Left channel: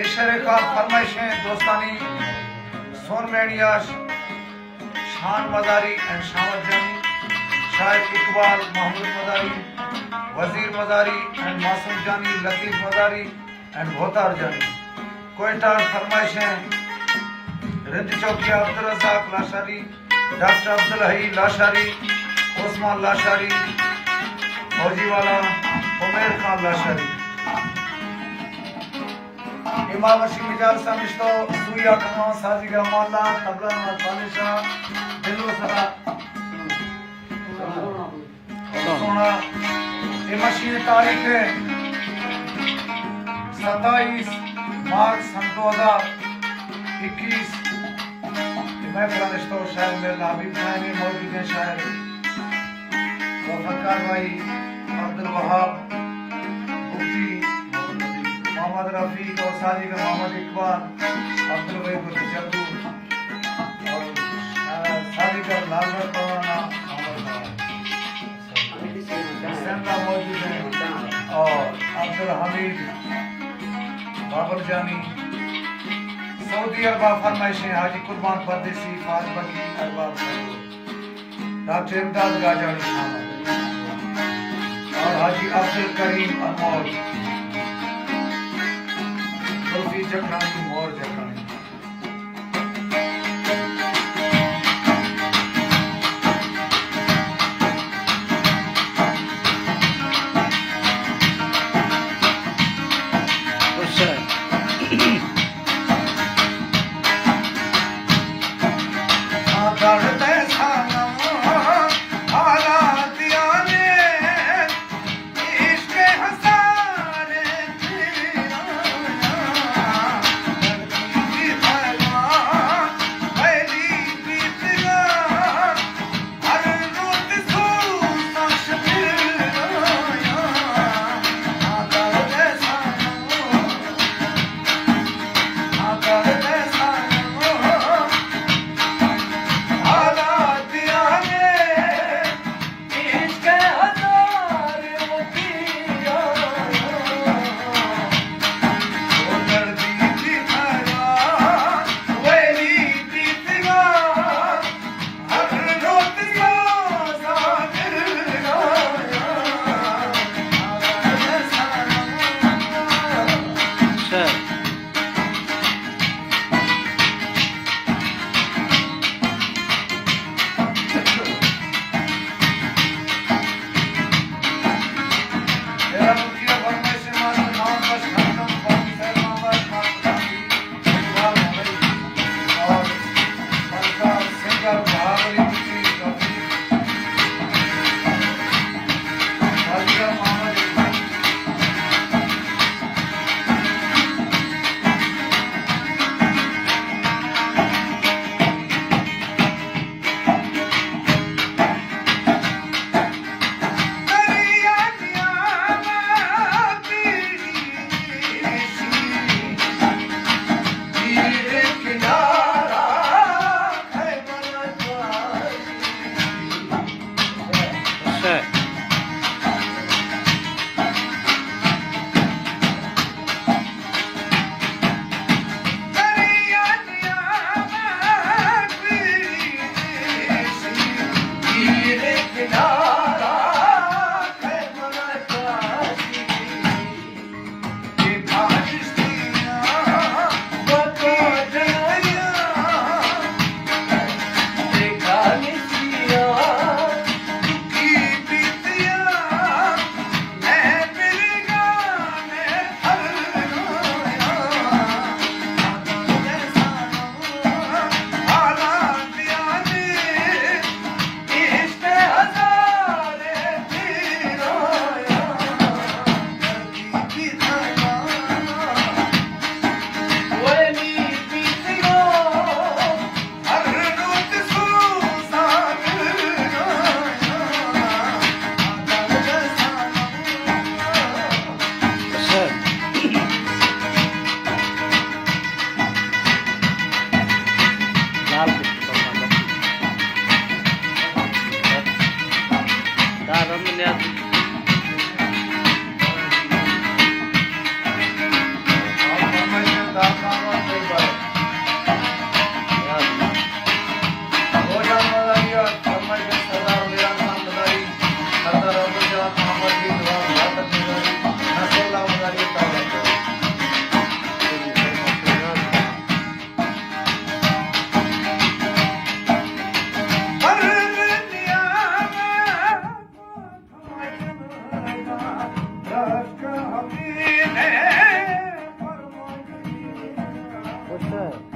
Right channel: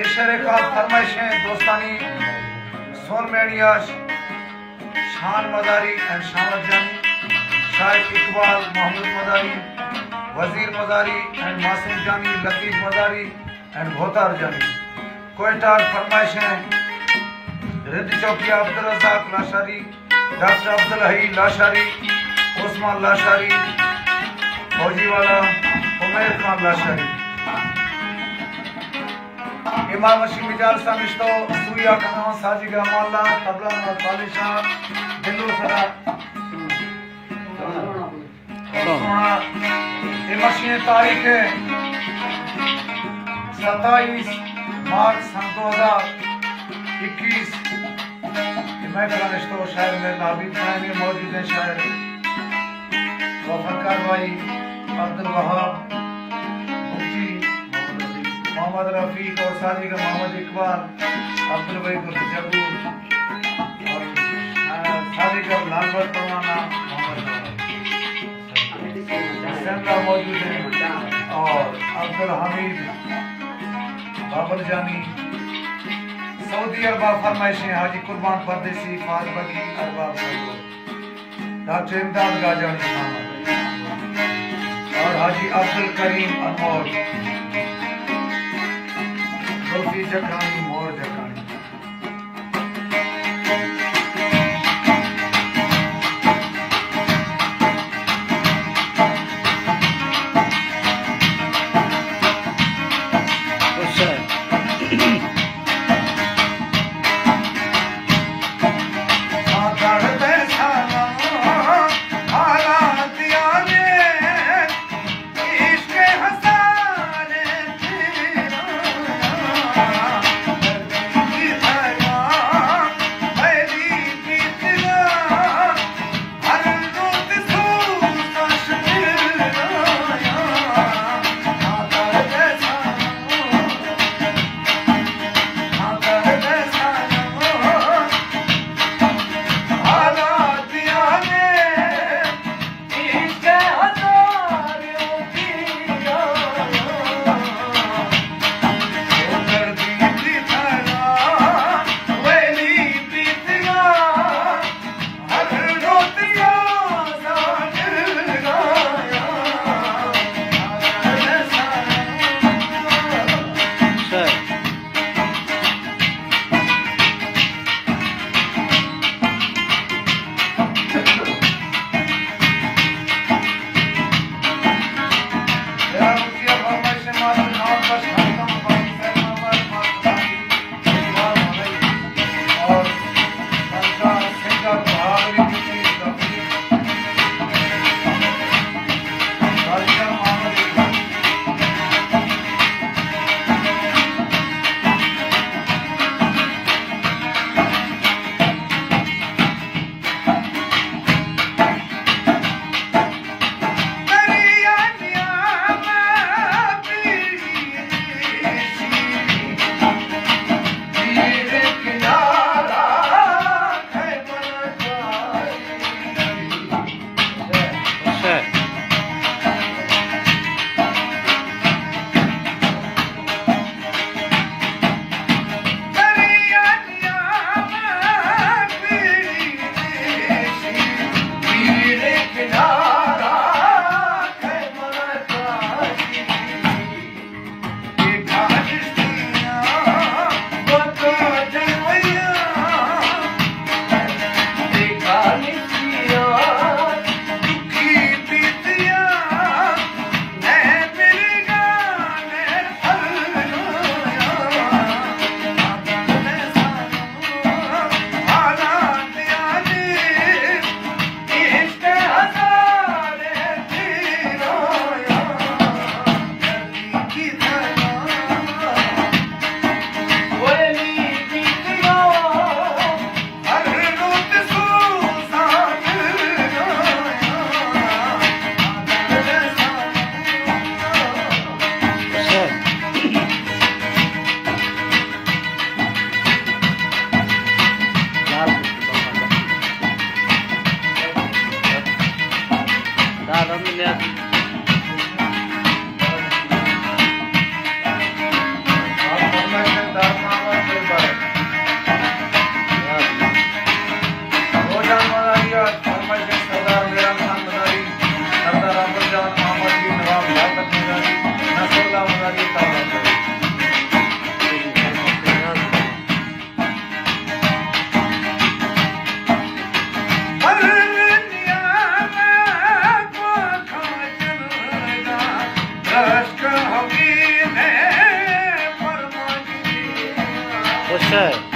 ये शेर खास फरमाइशें दोस्तानी सोन मेनियाश शान मदारी एंड शामत जानी, शायद इकबाल महमूद मदारी, वजीर मदारी एंड मासूम जानी, लतीफ मदारी एंड भोतार जानी। कोयटा फरमाइशें रिद चौकिया अब्दुल रज़ाक लाशारी, डॉक्टर अब्दुल हई लाशारी, ओस्मान लाशारी, फौजी वाला उमेर खान लाशारी। इमाम अशी मिजाल सामिश्तो सुया कनावा साजिगा मौला तबला ना तालिशा दिलो सरा सोना। इमशी तारीख है 27 मार्च सन 2021। महफिल निश्तो शायर में नाबिद में मौजूद है शायर वफादार भाई अब्दुल वहाब मुफ्ती मोहम्मद रफीक और साजिद मोहम्मद इकबाल, अब्दुल वहीद जबूर और साजिद और लाजर तवाना मौजूद हैं और अब्दुल हमीद बाबर जानी। सऊदी अरबा फरमाइशें हाजी कुर्बान परदेसी फाज बगी अरबाब डॉक्टर इमदाद गाजानी शामिल और हाजी अब्दुल करीम अनमोल गोफी जकानी मोर जकानी। अच्छा है।